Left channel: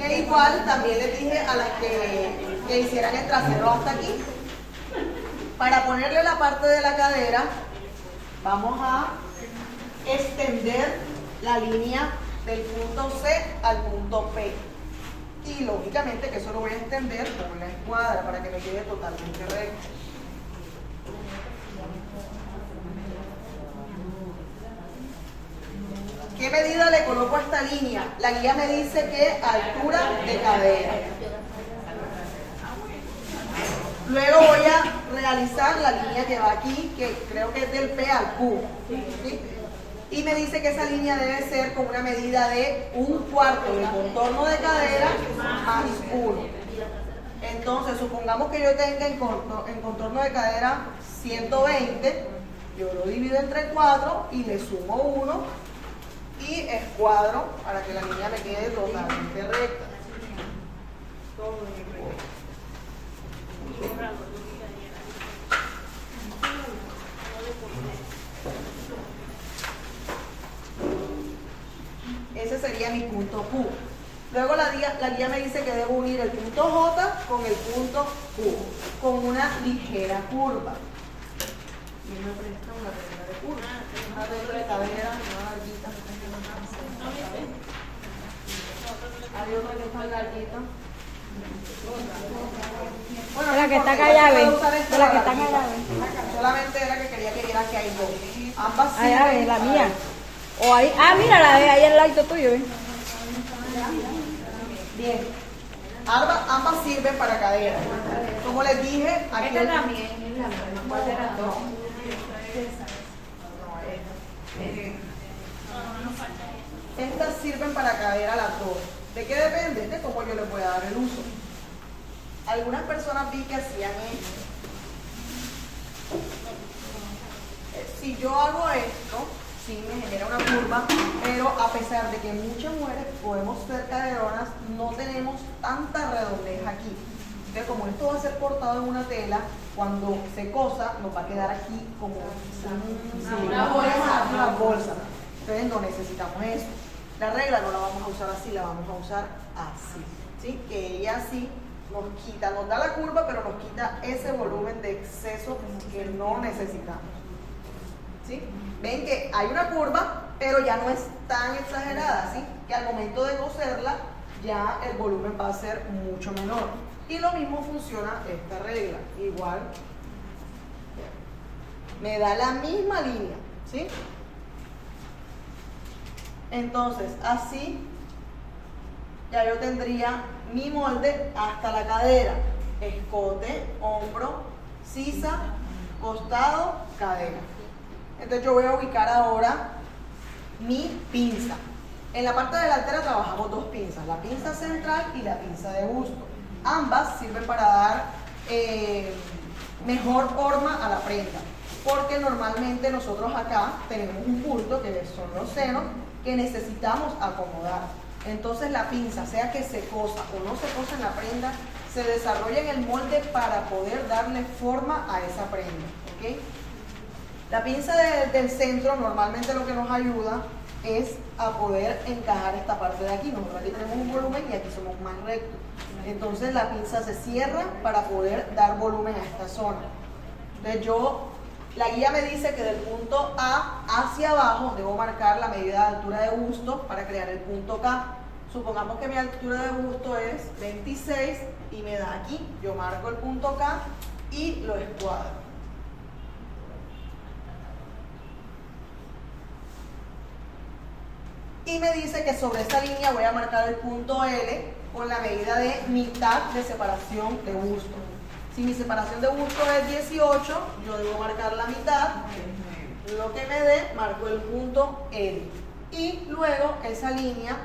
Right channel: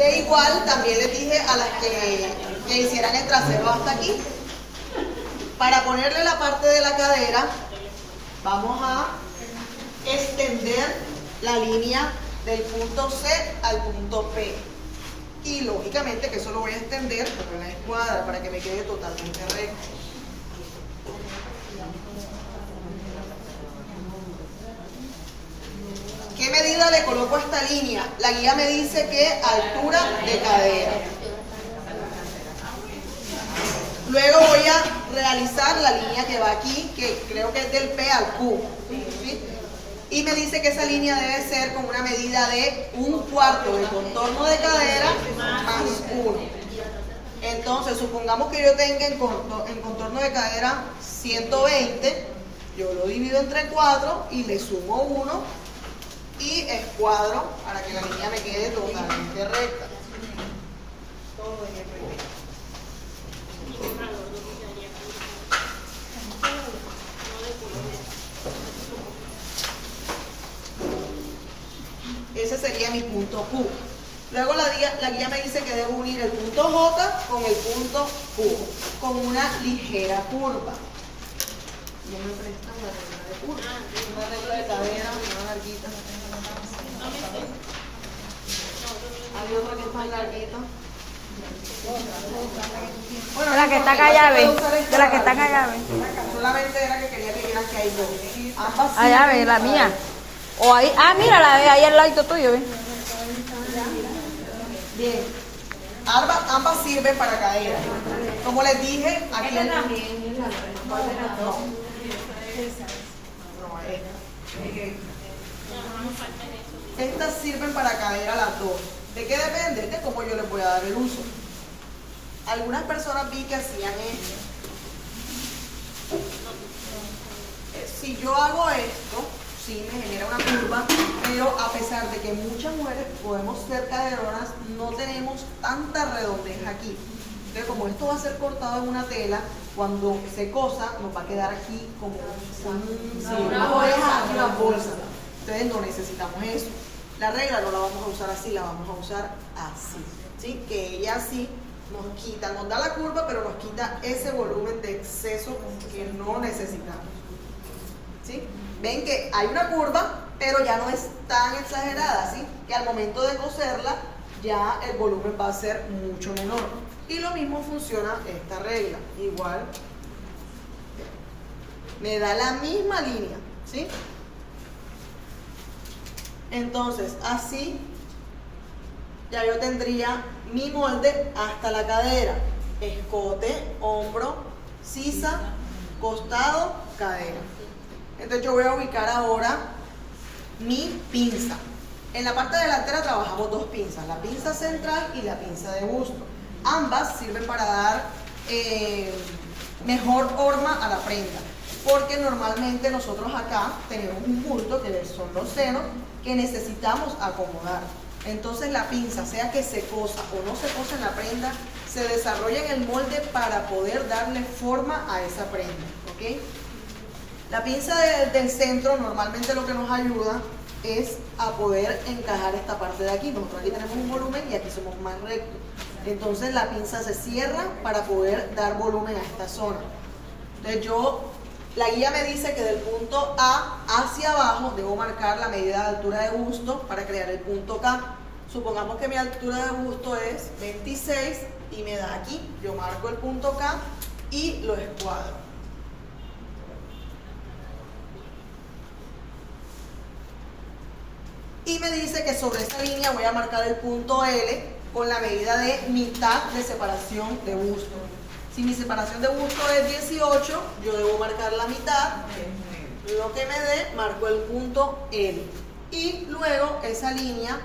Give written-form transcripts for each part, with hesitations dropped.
Que igual también les dije a las que hicieran el trasero hasta aquí. Para ponerle la parte de la cadera, vamos a extender la línea del punto C al punto P. Y lógicamente que eso lo voy a extender con una escuadra para que me quede totalmente recto. ¿Qué medida le coloco a esta línea? La guía me dice que altura de cadera. Luego voy a realizar la línea que va aquí, que creo que es del P al Q. ¿Sí? Y me dice que esa línea debe ser con una medida de 1/4 de contorno de cadera más 1. Entonces, supongamos que yo tenga en contorno de cadera 120, yo lo divido entre 4 y le sumo 1 y escuadro para que la línea me quede totalmente recta. Todo en el primer. Ese sería mi punto Q. Luego la guía me dice que debo unir el punto J con el punto Q, con una ligera curva. ¿Y me prestan una regla de curva? Una regla de cadera, una larguita. Hay otra que es más larguita. Bueno, De la que está acá llave. De la que está acá llave. Solamente era que quería que vieran que hay dos. Ambas Ah, llave, sirven la para mía. O ahí, mira, la de ahí al lado tuyo, ¿ves? Bien. Ambas sirven para cadera. Como les dije, aquí estas sirven para cadera las dos. ¿De qué depende? De cómo yo les voy a dar el uso. Algunas personas vi que hacían esto. Si yo hago esto, sí me genera una curva, pero a pesar de que muchas mujeres podemos ser caderonas, no tenemos tanta redondez aquí. Entonces, como esto va a ser cortado en una tela, cuando se cosa nos va a quedar aquí como una oreja, una bolsa. Entonces no necesitamos eso. La regla no la vamos a usar así, la vamos a usar así, ¿sí? Que ella así nos quita, nos da la curva, pero nos quita ese volumen de exceso que no necesitamos, ¿sí? Ven que hay una curva, pero ya no es tan exagerada, ¿sí? Que al momento de coserla ya el volumen va a ser mucho menor. Y lo mismo funciona esta regla, igual me da la misma línea, ¿sí? Entonces, así ya yo tendría mi molde hasta la cadera, escote, hombro, sisa, costado, cadera. Entonces yo voy a ubicar ahora mi pinza. En la parte delantera trabajamos dos pinzas, la pinza central y la pinza de busto. Ambas sirven para dar mejor forma a la prenda, porque normalmente nosotros acá tenemos un punto que son los senos que necesitamos acomodar. Entonces la pinza, sea que se cosa o no se cosa en la prenda, se desarrolla en el molde para poder darle forma a esa prenda, ¿ok? La pinza del centro normalmente lo que nos ayuda es a poder encajar esta parte de aquí. Nosotros aquí tenemos un volumen y aquí somos más rectos. Entonces la pinza se cierra para poder dar volumen a esta zona. Entonces la guía me dice que del punto A hacia abajo debo marcar la medida de altura de busto para crear el punto K. Supongamos que mi altura de busto es 26 y me da aquí. Yo marco el punto K y lo escuadro. Y me dice que sobre esta línea voy a marcar el punto L con la medida de mitad de separación de busto. Si mi separación de busto es 18, yo debo marcar la mitad, lo que me dé, marco el punto L. Y luego esa línea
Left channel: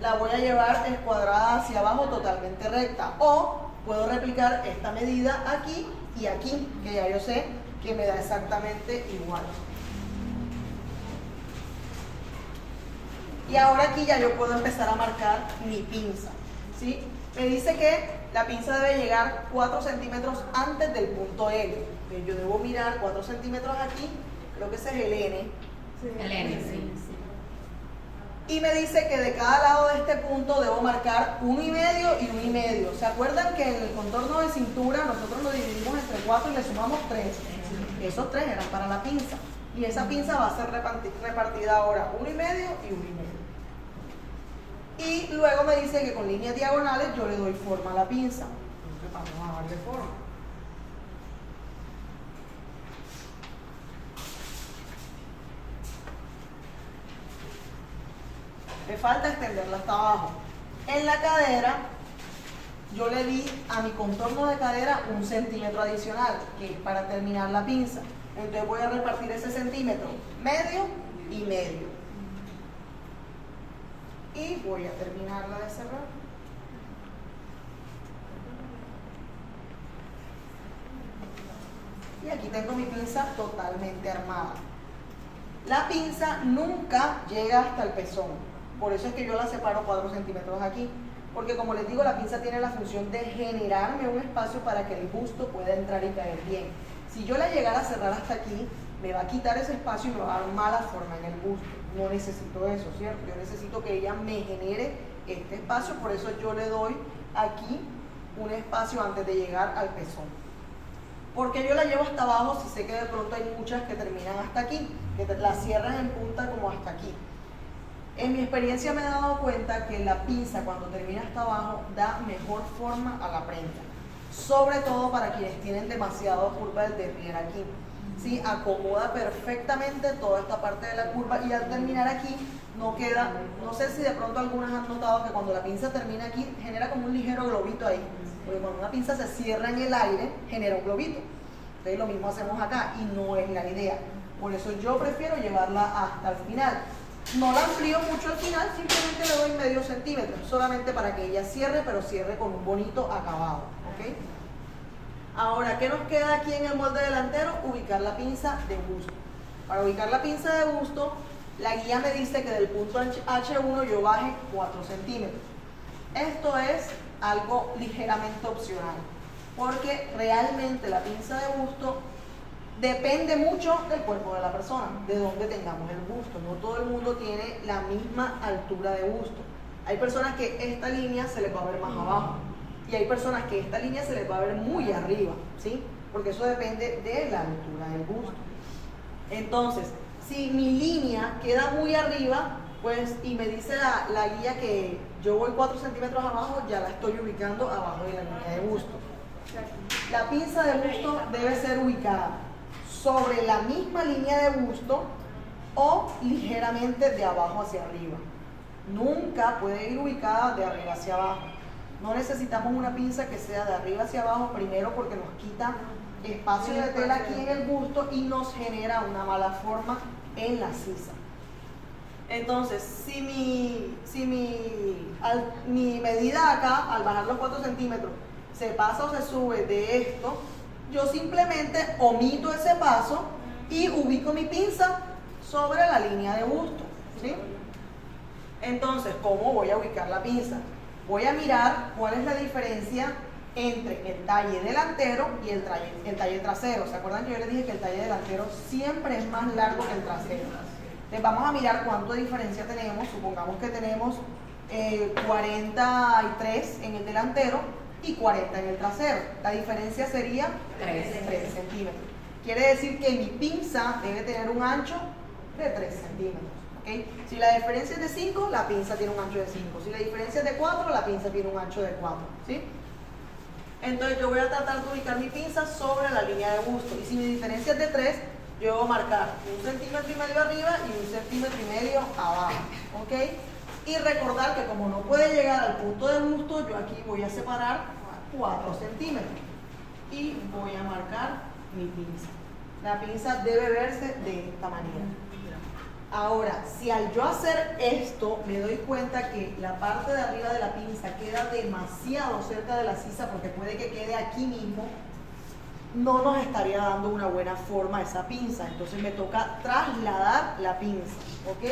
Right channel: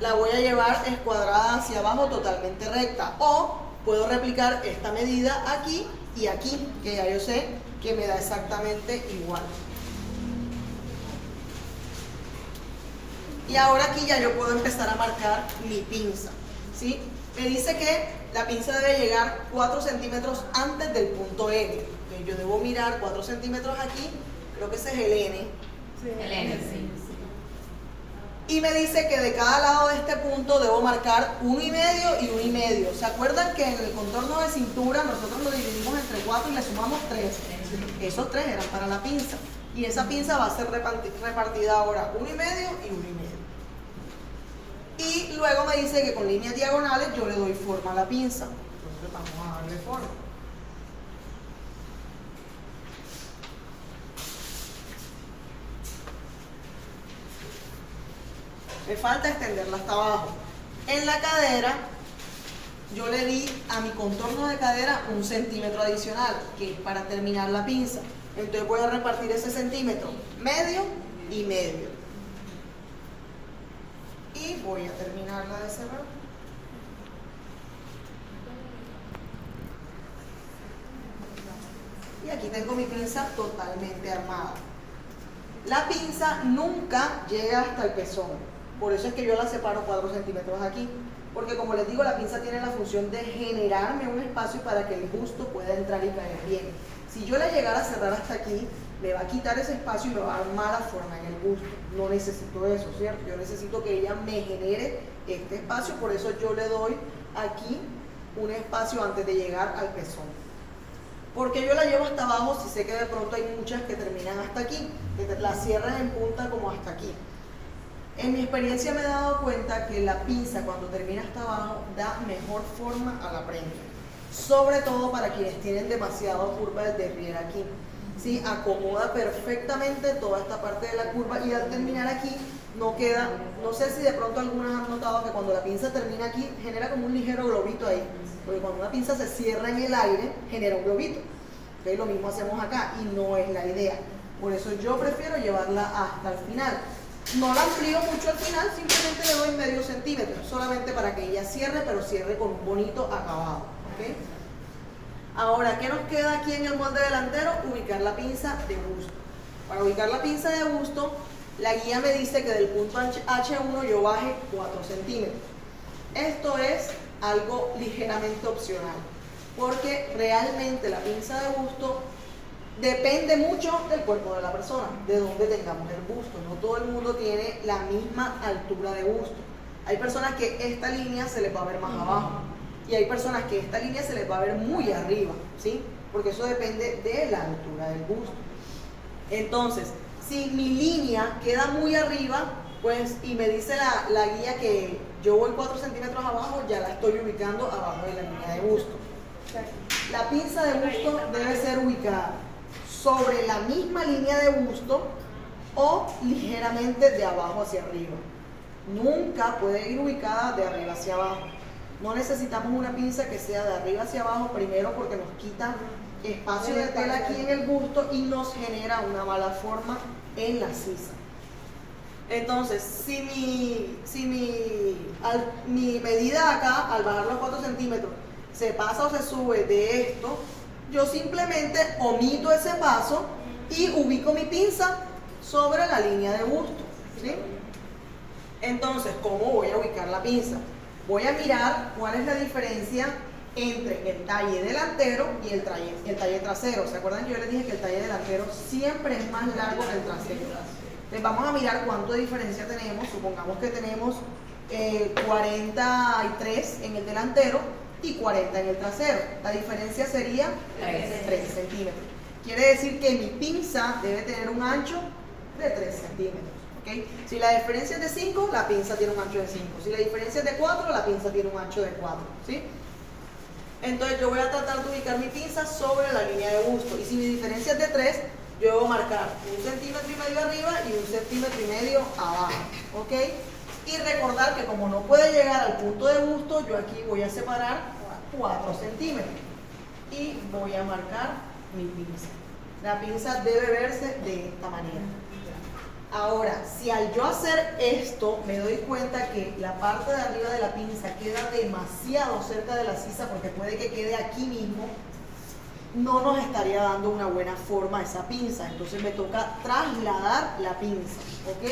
la voy a llevar escuadrada hacia abajo totalmente recta. O puedo replicar esta medida aquí y aquí, que ya yo sé que me da exactamente igual. Y ahora aquí ya yo puedo empezar a marcar mi pinza, ¿sí? Me dice que la pinza debe llegar 4 centímetros antes del punto L. Okay, yo debo mirar 4 centímetros aquí, creo que ese es el N. Sí. El N, sí. Y me dice que de cada lado de este punto debo marcar 1,5 y 1,5. ¿Se acuerdan que en el contorno de cintura nosotros lo dividimos entre 4 y le sumamos 3? Esos 3 eran para la pinza. Y esa pinza va a ser repartida ahora 1,5 y 1,5. Y luego me dice que con líneas diagonales yo le doy forma a la pinza. Entonces vamos a darle forma. Me falta extenderla hasta abajo. En la cadera, yo le di a mi contorno de cadera 1 centímetro adicional, que es para terminar la pinza. Entonces voy a repartir ese centímetro, medio y medio. Y voy a terminarla de cerrar. Y aquí tengo mi pinza totalmente armada. La pinza nunca llega hasta el pezón. Por eso es que yo la separo 4 centímetros aquí. Porque como les digo, la pinza tiene la función de generarme un espacio para que el busto pueda entrar y caer bien. Si yo la llegara a cerrar hasta aquí, me va a quitar ese espacio y me va a dar mala forma en el busto. No necesito eso, ¿cierto? Yo necesito que ella me genere este espacio, por eso yo le doy aquí un espacio antes de llegar al pezón. Porque yo la llevo hasta abajo si sé que de pronto hay muchas que terminan hasta aquí, que las cierran en punta como hasta aquí. En mi experiencia me he dado cuenta que la pinza cuando termina hasta abajo da mejor forma a la prenda. Sobre todo para quienes tienen demasiado curva del derrier aquí. ¿Sí? Acomoda perfectamente toda esta parte de la curva y al terminar aquí no queda, no sé si de pronto algunas han notado que cuando la pinza termina aquí genera como un ligero globito ahí. Porque cuando una pinza se cierra en el aire genera un globito. Entonces lo mismo hacemos acá y no es la idea. Por eso yo prefiero llevarla hasta el final. No la amplío mucho al final, simplemente le doy medio centímetro, solamente para que ella cierre, pero cierre con un bonito acabado. ¿Okay? Ahora, ¿qué nos queda aquí en el molde delantero? Ubicar la pinza de busto. Para ubicar la pinza de busto, la guía me dice que del punto H1 yo baje 4 centímetros. Esto es algo ligeramente opcional, porque realmente la pinza de busto depende mucho del cuerpo de la persona, de dónde tengamos el busto. No todo el mundo tiene la misma altura de busto. Hay personas que esta línea se les va a ver más abajo y hay personas que esta línea se les va a ver muy arriba, ¿sí? Porque eso depende de la altura del busto. Entonces, si mi línea queda muy arriba, pues, y me dice la guía que yo voy 4 centímetros abajo, ya la estoy ubicando abajo de la línea de busto. La pinza de busto debe ser ubicada sobre la misma línea de busto o ligeramente de abajo hacia arriba. Nunca puede ir ubicada de arriba hacia abajo. No necesitamos una pinza que sea de arriba hacia abajo, primero porque nos quita espacio de tela aquí en el busto y nos genera una mala forma en la sisa. Entonces, si mi medida acá, al bajar los 4 centímetros, se pasa o se sube de esto, yo simplemente omito ese paso y ubico mi pinza sobre la línea de busto, ¿sí? Entonces, ¿cómo voy a ubicar la pinza? Voy a mirar cuál es la diferencia entre el talle delantero y el talle trasero. ¿Se acuerdan que yo les dije que el talle delantero siempre es más largo que el trasero? Entonces vamos a mirar cuánto diferencia tenemos. Supongamos que tenemos 43 en el delantero y 40 en el trasero. La diferencia sería 3 centímetros. Quiere decir que mi pinza debe tener un ancho de 3 centímetros. ¿Okay? Si la diferencia es de 5, la pinza tiene un ancho de 5. Si la diferencia es de 4, la pinza tiene un ancho de 4. ¿Sí? Entonces yo voy a tratar de ubicar mi pinza sobre la línea de busto. Y si mi diferencia es de 3, yo debo marcar 1,5 centímetros arriba y 1,5 centímetros abajo. ¿Ok? Y recordar que como no puede llegar al punto de busto, yo aquí voy a separar 4 centímetros. Y voy a marcar mi pinza. La pinza debe verse de esta manera. Ahora, si al yo hacer esto me doy cuenta que la parte de arriba de la pinza queda demasiado cerca de la sisa, porque puede que quede aquí mismo, no nos estaría dando una buena forma a esa pinza. Entonces me toca trasladar la pinza, ¿ok?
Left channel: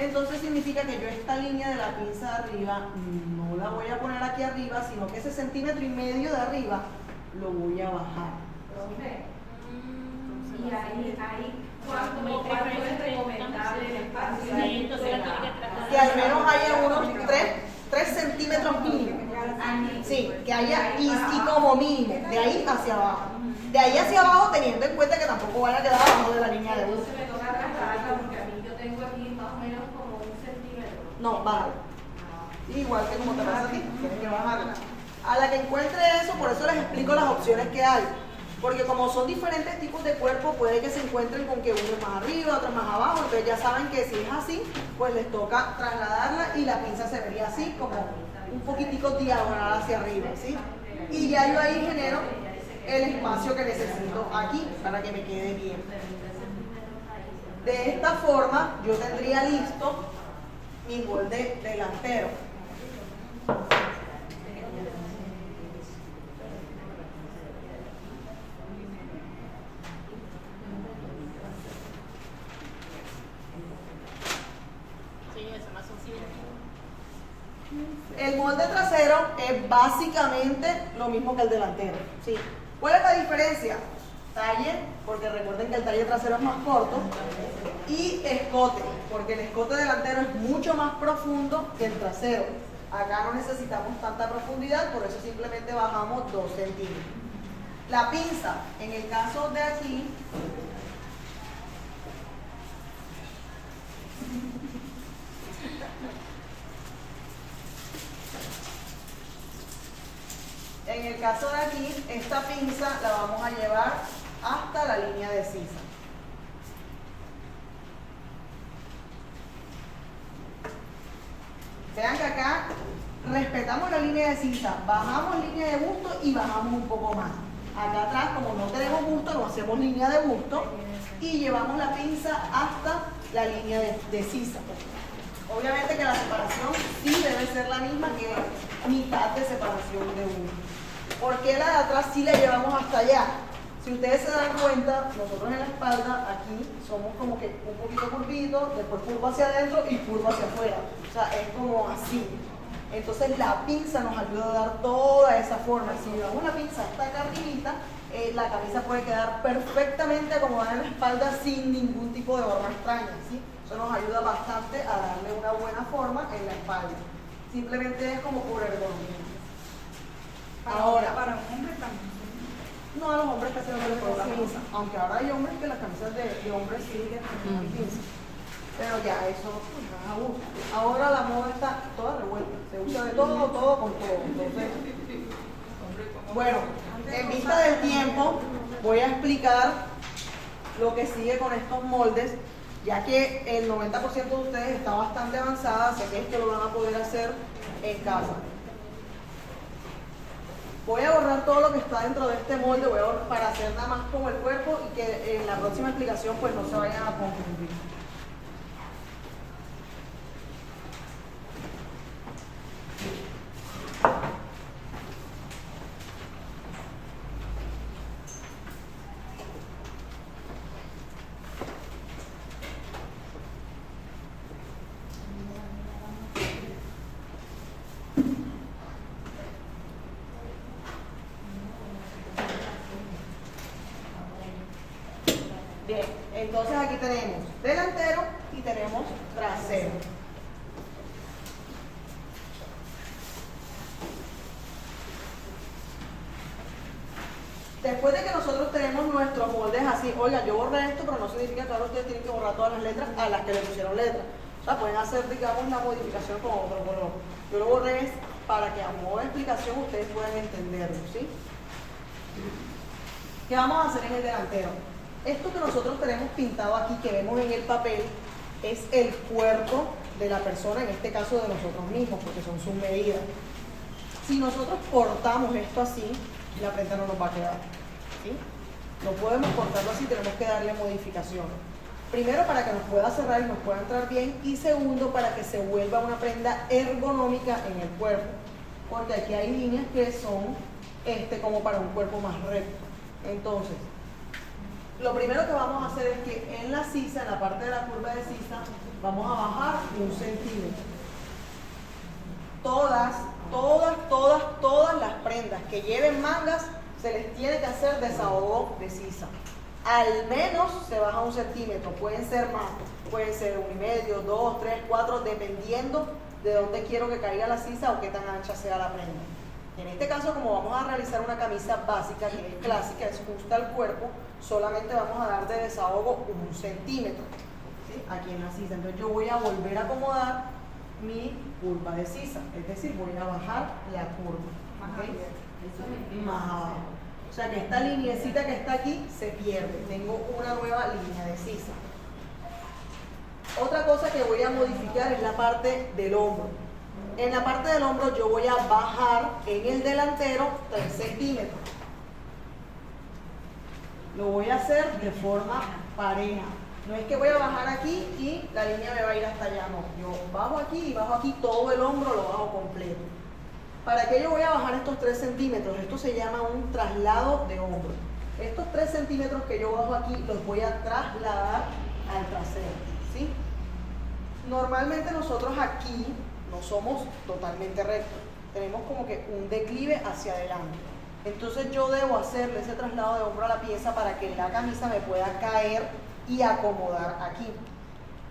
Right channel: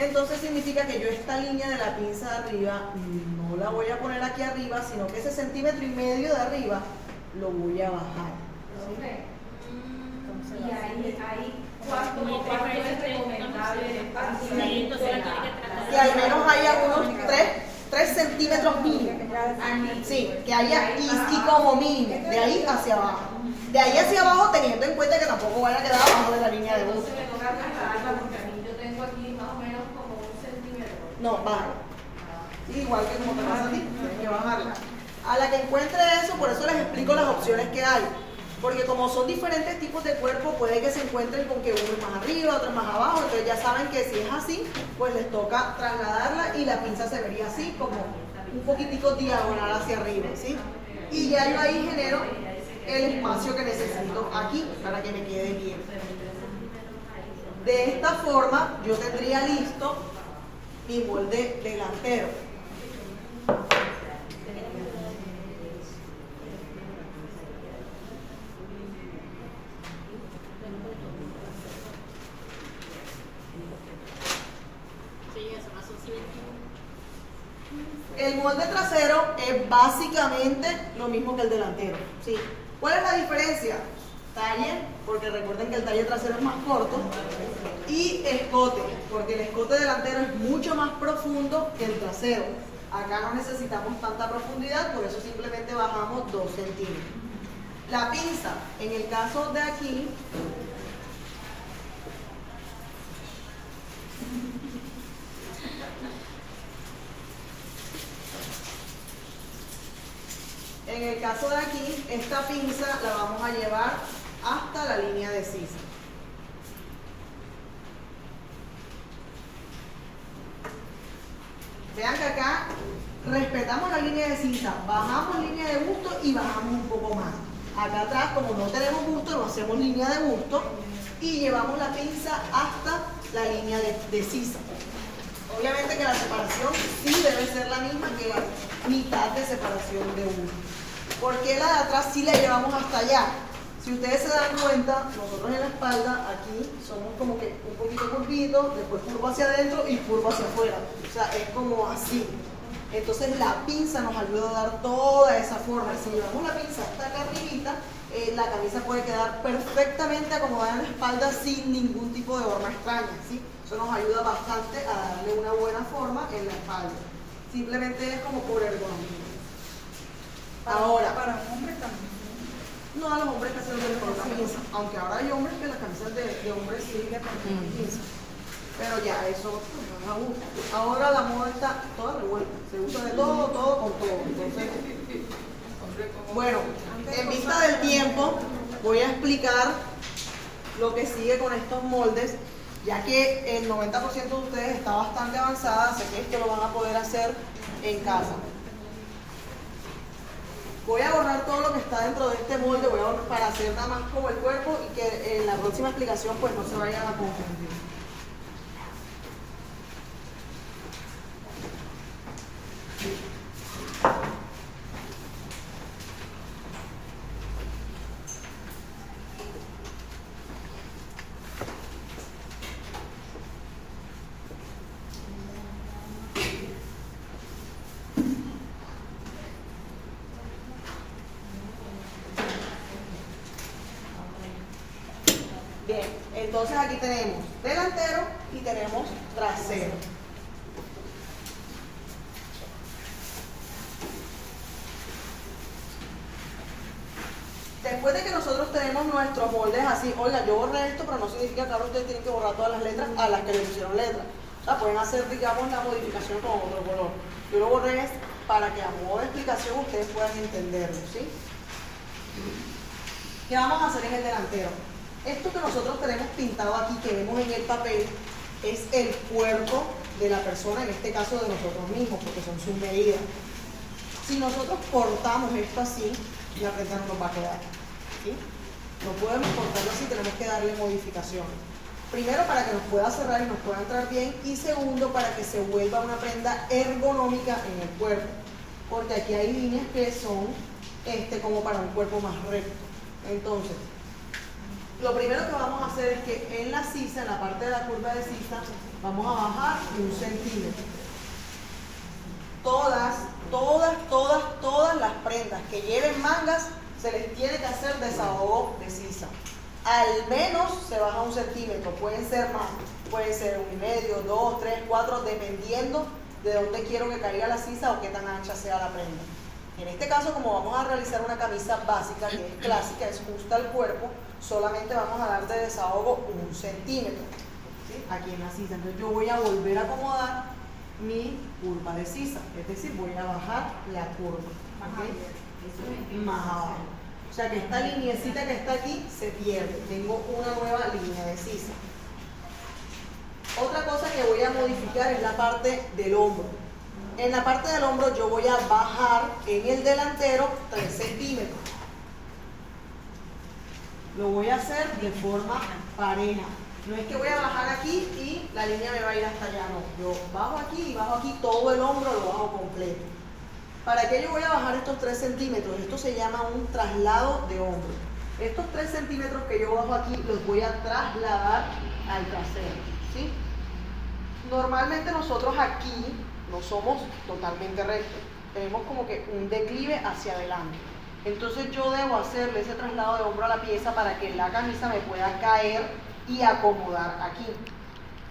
Entonces significa que yo esta línea de la pinza de arriba no la voy a poner aquí arriba, sino que ese 1,5 centímetros de arriba lo voy a bajar. Y ahí ¿cuánto es recomendable el espacio? Entonces la tiene que tratar que al menos haya unos 3 centímetros mínimo. Sí, que haya y como mínimo, de ahí hacia abajo. De ahí hacia abajo, teniendo en cuenta que tampoco van a quedar abajo de la línea de busto. Yo tengo aquí más o menos como 1 centímetro. No, bajo. Igual que como te pasa a ti, tienes que bajarla. A la que encuentre eso, por eso les explico las opciones que hay. Porque como son diferentes tipos de cuerpo, puede que se encuentren con que uno es más arriba, otro es más abajo. Entonces ya saben que si es así, pues les toca trasladarla y la pinza se vería así, como un poquitico diagonal hacia arriba, ¿sí? Y ya yo ahí genero el espacio que necesito aquí para que me quede bien. De esta forma, yo tendría listo mi molde delantero. El molde trasero es básicamente lo mismo que el delantero, ¿sí? ¿Cuál es la diferencia? Talle, porque recuerden que el talle trasero es más corto, y escote, porque el escote delantero es mucho más profundo que el trasero. Acá no necesitamos tanta profundidad, por eso simplemente bajamos 2 centímetros. La pinza, en el caso de aquí, esta pinza la vamos a llevar hasta la línea de sisa. Vean que acá respetamos la línea de sisa, bajamos línea de busto y bajamos un poco más. Acá atrás, como no tenemos busto, no hacemos línea de busto y llevamos la pinza hasta la línea de sisa. Obviamente que la separación sí debe ser la misma que mitad de separación de uno. ¿Por qué la de atrás sí la llevamos hasta allá? Si ustedes se dan cuenta, nosotros en la espalda, aquí somos como que un poquito curvitos, después curvo hacia adentro y curvo hacia afuera. O sea, es como así. Entonces la pinza nos ayuda a dar toda esa forma. Si llevamos la pinza hasta acá arribita, la camisa puede quedar perfectamente acomodada en la espalda sin ningún tipo de forma extraña, ¿sí? Eso nos ayuda bastante a darle una buena forma en la espalda. Simplemente es como por ergonomía. Ahora, para los hombres también. no a los hombres que se les por la pinza, aunque ahora hay hombres que las camisas de hombres sí que tienen pinza. Pero ya, eso no es a gusto. Ahora la moda está toda revuelta, se usa de todo, todo con todo. Entonces, bueno, en vista del tiempo, voy a explicar lo que sigue con estos moldes, ya que el 90% de ustedes está bastante avanzada, sé que esto lo van a poder hacer en casa. Voy a borrar todo lo que está dentro de este molde, voy a borrar para hacer nada más como el cuerpo y que en la próxima explicación pues no se vayan a confundir. Bien, entonces aquí tenemos delantero y tenemos trasero. Después de que nosotros tenemos nuestros moldes así, oiga, yo borré esto, pero no significa que ahora ustedes tienen que borrar todas las letras a las que le pusieron letras. O sea, pueden hacer, digamos, la modificación con otro color. Yo lo borré para que a modo de explicación ustedes puedan entenderlo, ¿sí? ¿Qué vamos a hacer en el delantero? Esto que nosotros tenemos pintado aquí, que vemos en el papel, es el cuerpo de la persona, en este caso de nosotros mismos, porque son sus medidas. Si nosotros cortamos esto así, la prenda no nos va a quedar, ¿sí? No podemos cortarlo así, tenemos que darle modificación. Primero, para que nos pueda cerrar y nos pueda entrar bien, y segundo, para que se vuelva una prenda ergonómica en el cuerpo, porque aquí hay líneas que son como para un cuerpo más recto. Entonces, lo primero que vamos a hacer es que en la sisa, en la parte de la curva de sisa, vamos a bajar 1 centímetro. Todas las prendas que lleven mangas, se les tiene que hacer desahogo de sisa. al menos se baja 1 centímetro, pueden ser más, pueden ser 1,5, 2, 3, 4, dependiendo de dónde quiero que caiga la sisa o qué tan ancha sea la prenda. En este caso, como vamos a realizar una camisa básica, que es clásica, es justa al cuerpo, solamente vamos a dar de desahogo 1 centímetro, ¿sí? Aquí en la sisa. Entonces yo voy a volver a acomodar mi curva de sisa, es decir, voy a bajar la curva, ¿ok? Más abajo. O sea que esta lineecita que está aquí se pierde, tengo una nueva línea de sisa. Otra cosa que voy a modificar es la parte del hombro. En la parte del hombro yo voy a bajar en el delantero 3 centímetros. Lo voy a hacer de forma pareja. No es que voy a bajar aquí y la línea me va a ir hasta allá, no. Yo bajo aquí y bajo aquí, todo el hombro lo bajo completo. ¿Para qué yo voy a bajar estos 3 centímetros? Esto se llama un traslado de hombro. Estos 3 centímetros que yo bajo aquí los voy a trasladar al trasero, ¿sí? Normalmente nosotros aquí no somos totalmente rectos, tenemos como que un declive hacia adelante. Entonces yo debo hacerle ese traslado de hombro a la pieza para que la camisa me pueda caer y acomodar aquí.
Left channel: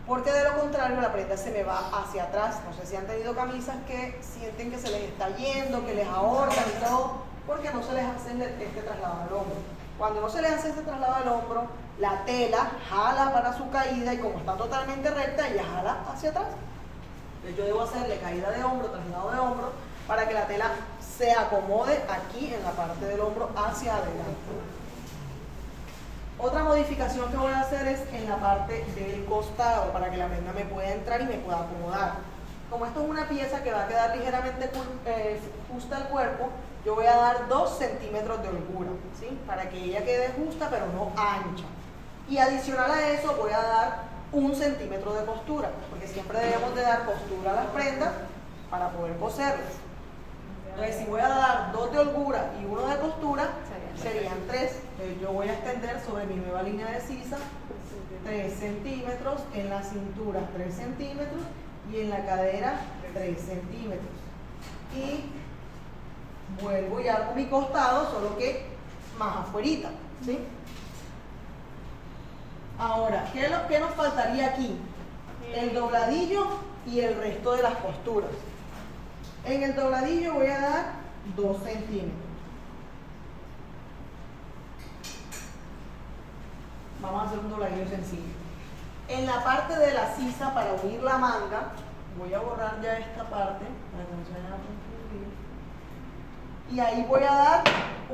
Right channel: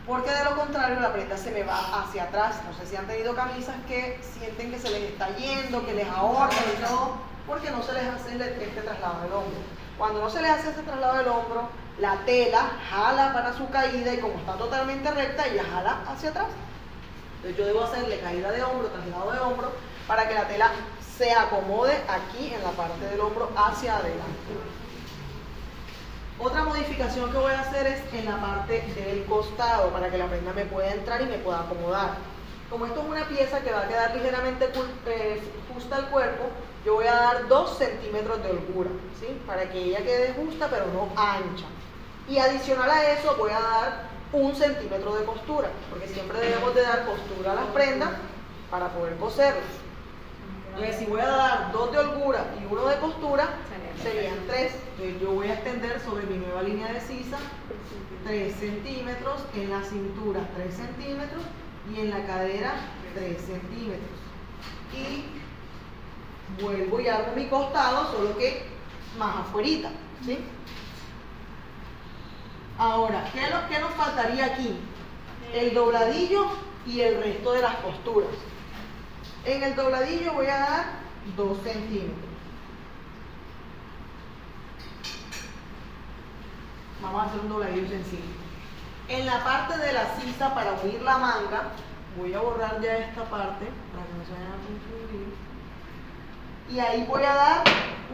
Porque de lo contrario la prenda se me va hacia atrás. No sé si han tenido camisas que sienten que se les está yendo, que les ahorcan y todo, porque no se les hace este traslado del hombro. Cuando no se les hace este traslado del hombro, la tela jala para su caída y como está totalmente recta, ella jala hacia atrás. Entonces yo debo hacerle caída de hombro, traslado de hombro, para que la tela se acomode aquí en la parte del hombro hacia adelante. Otra modificación que voy a hacer es en la parte del costado, para que la prenda me pueda entrar y me pueda acomodar. Como esto es una pieza que va a quedar ligeramente justa al cuerpo, yo voy a dar 2 centímetros de holgura, ¿sí? Para que ella quede justa pero no ancha. Y adicional a eso voy a dar 1 centímetro de costura, porque siempre debemos de dar costura a las prendas para poder coserlas. Entonces, si voy a dar 2 de holgura y 1 de costura, serían 3. Entonces yo voy a extender sobre mi nueva línea de sisa 3 centímetros, en la cintura 3 centímetros y en la cadera 3 centímetros. Y vuelvo y hago mi costado, solo que más afuerita, ¿sí? Ahora, ¿qué nos faltaría aquí? El dobladillo y el resto de las costuras. En el dobladillo voy a dar 2 centímetros. Vamos a hacer un dobladillo sencillo. En la parte de la sisa, para unir la manga, voy a borrar ya esta parte para que no se vayan a confundir. Y ahí voy a dar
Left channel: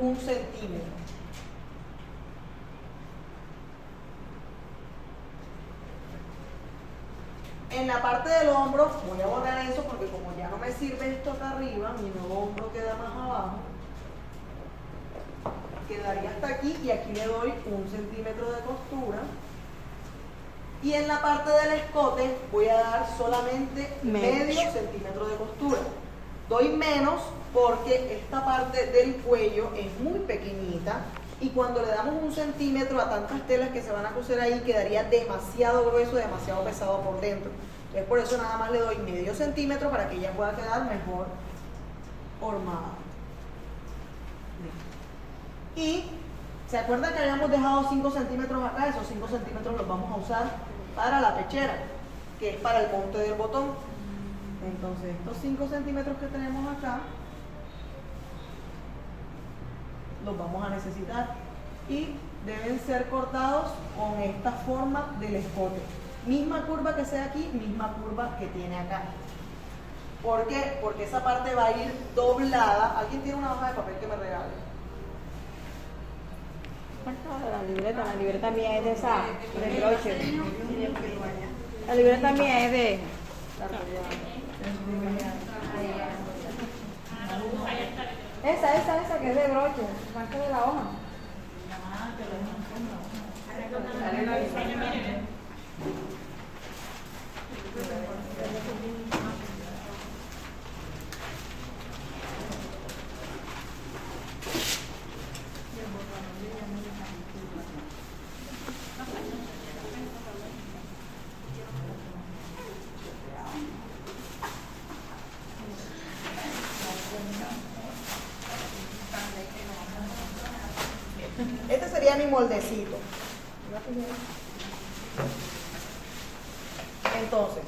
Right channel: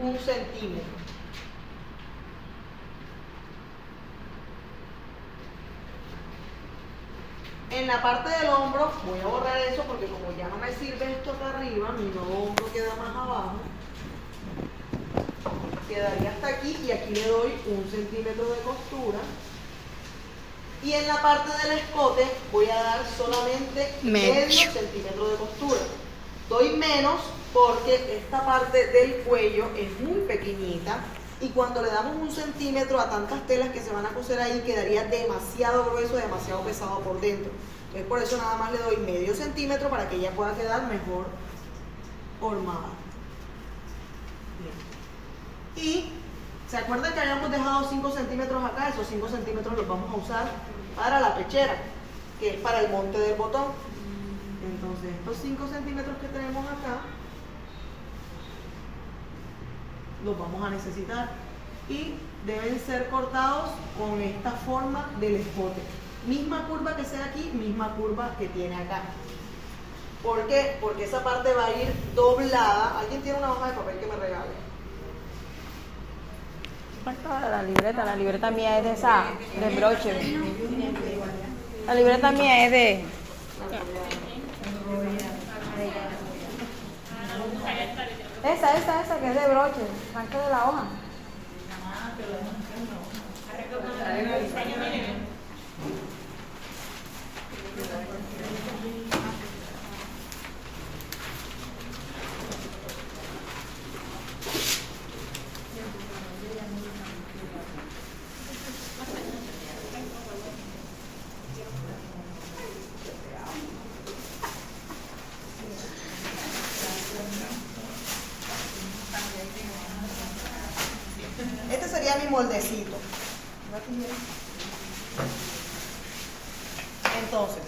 1 centímetro. En la parte del hombro voy a borrar eso porque como ya no me sirve esto acá arriba, mi nuevo hombro queda más abajo. Quedaría hasta aquí y aquí le doy 1 centímetro de costura. Y en la parte del escote voy a dar solamente medio centímetro de costura. Doy menos porque esta parte del cuello es muy pequeñita y cuando le damos 1 centímetro a tantas telas que se van a coser ahí quedaría demasiado grueso, demasiado pesado por dentro. Entonces por eso nada más le doy medio centímetro para que ella pueda quedar mejor formada. Bien. Y ¿se acuerdan que habíamos dejado 5 centímetros acá? Esos 5 centímetros los vamos a usar para la pechera, que es para el monte del botón. Entonces estos 5 centímetros que tenemos acá los vamos a necesitar y deben ser cortados con esta forma del escote. Misma curva que sea aquí, misma curva que tiene acá. ¿Por qué? Porque esa parte va a ir doblada. ¿Alguien tiene una hoja de papel que me regale? La libreta mía es de esa, de broche. La libreta mía es de... Esa que es de broche, arranque de la hoja. Este sería mi moldecito. Entonces,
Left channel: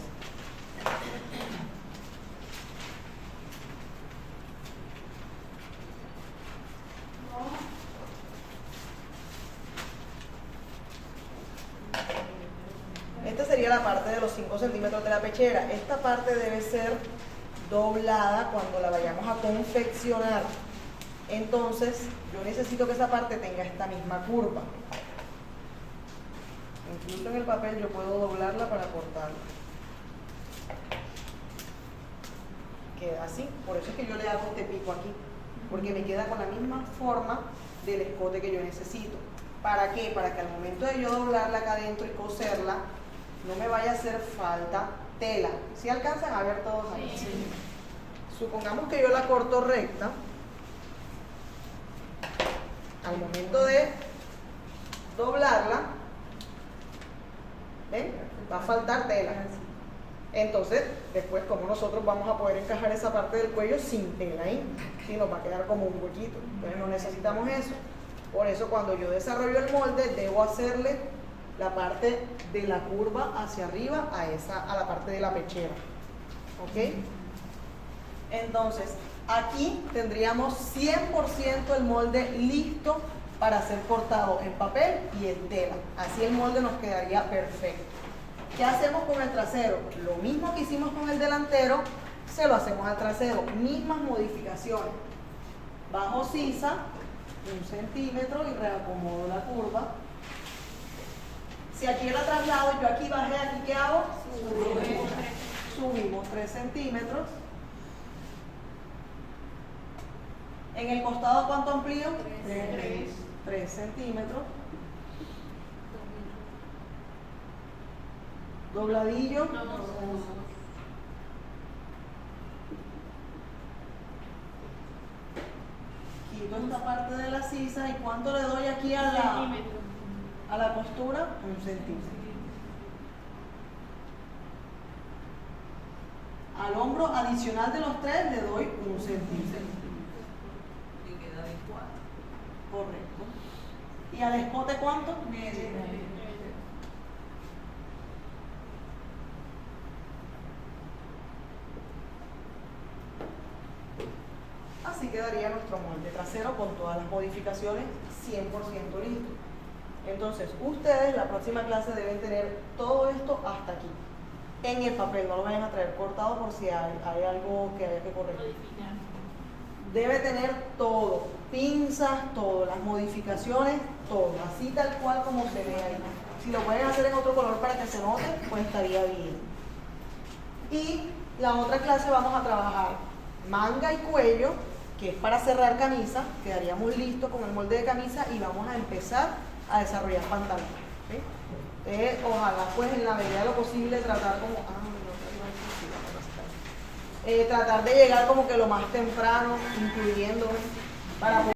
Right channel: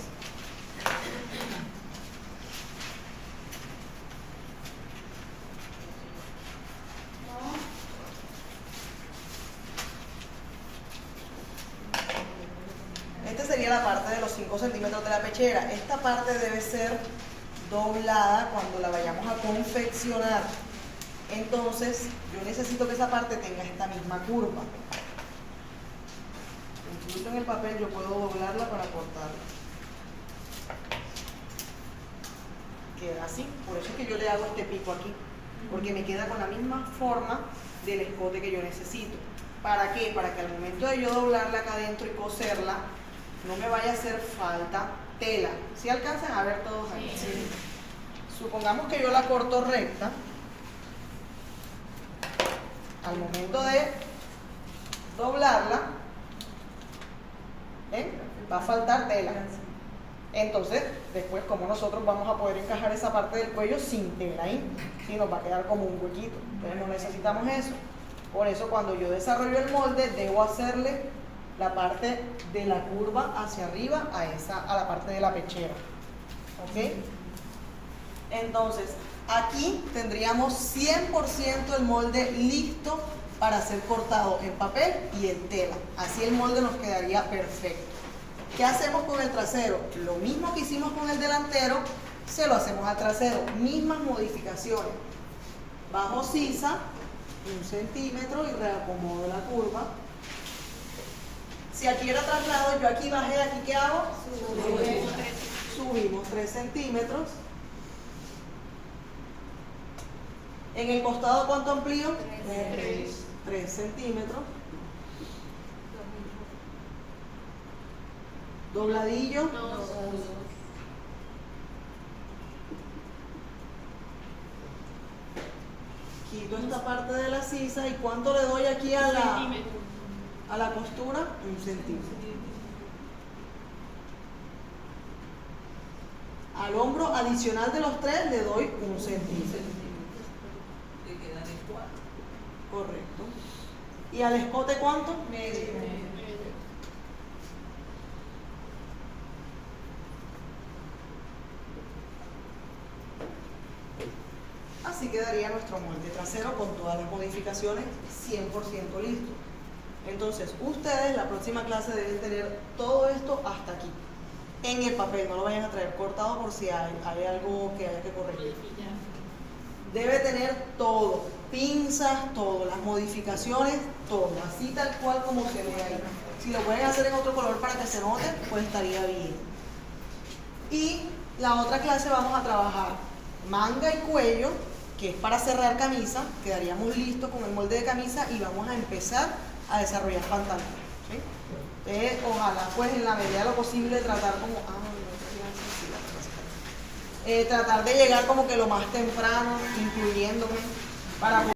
esta sería la parte de los 5 centímetros de la pechera. Esta parte debe ser doblada cuando la vayamos a confeccionar. Entonces, yo necesito que esa parte tenga esta misma curva. Incluso en el papel yo puedo doblarla para cortarla. Queda así. Por eso es que yo le hago este pico aquí, porque me queda con la misma forma del escote que yo necesito. ¿Para qué? Para que al momento de yo doblarla acá adentro y coserla, no me vaya a hacer falta tela. ¿Sí alcanzan a ver todos ahí? Sí. Supongamos que yo la corto recta. Al momento de doblarla, ¿ven? Va a faltar tela. Entonces, después, como nosotros vamos a poder encajar esa parte del cuello sin tela ahí, ¿sí? Nos va a quedar como un huequito. Entonces, no necesitamos eso. Por eso, cuando yo desarrollo el molde, debo hacerle la parte de la curva hacia arriba a la parte de la pechera. ¿Ok? Entonces, aquí tendríamos 100% el molde listo para ser cortado en papel y en tela. Así el molde nos quedaría perfecto. ¿Qué hacemos con el trasero? Lo mismo que hicimos con el delantero, se lo hacemos al trasero. Mismas modificaciones. Bajo sisa 1 centímetro y reacomodo la curva. Si aquí era traslado, yo aquí bajé, aquí ¿qué hago? Subimos 3 centímetros. En el costado, ¿cuánto amplío? 3 centímetros. Dobladillo. Quito esta parte de la sisa y ¿cuánto le doy aquí a la costura? 1 centímetro. Al hombro adicional de los 3 le doy 1 centímetro. Correcto. ¿Y al escote cuánto? Medio. Así quedaría nuestro molde trasero con todas las modificaciones 100% listo. Entonces, ustedes la próxima clase deben tener todo esto hasta aquí. En el papel, no lo vayan a traer cortado por si hay algo que haya que corregir. Debe tener todo, pinzas, todo, las modificaciones, todo, así tal cual como se ve ahí. Si lo pueden hacer en otro color para que se note, pues estaría bien. Y la otra clase vamos a trabajar manga y cuello, que es para cerrar camisa. Quedaríamos listos con el molde de camisa y vamos a empezar a desarrollar pantalón. ¿Sí? Entonces, ojalá pues en la medida de lo posible tratar como... tratar de llegar como que lo más temprano, incluyéndome, para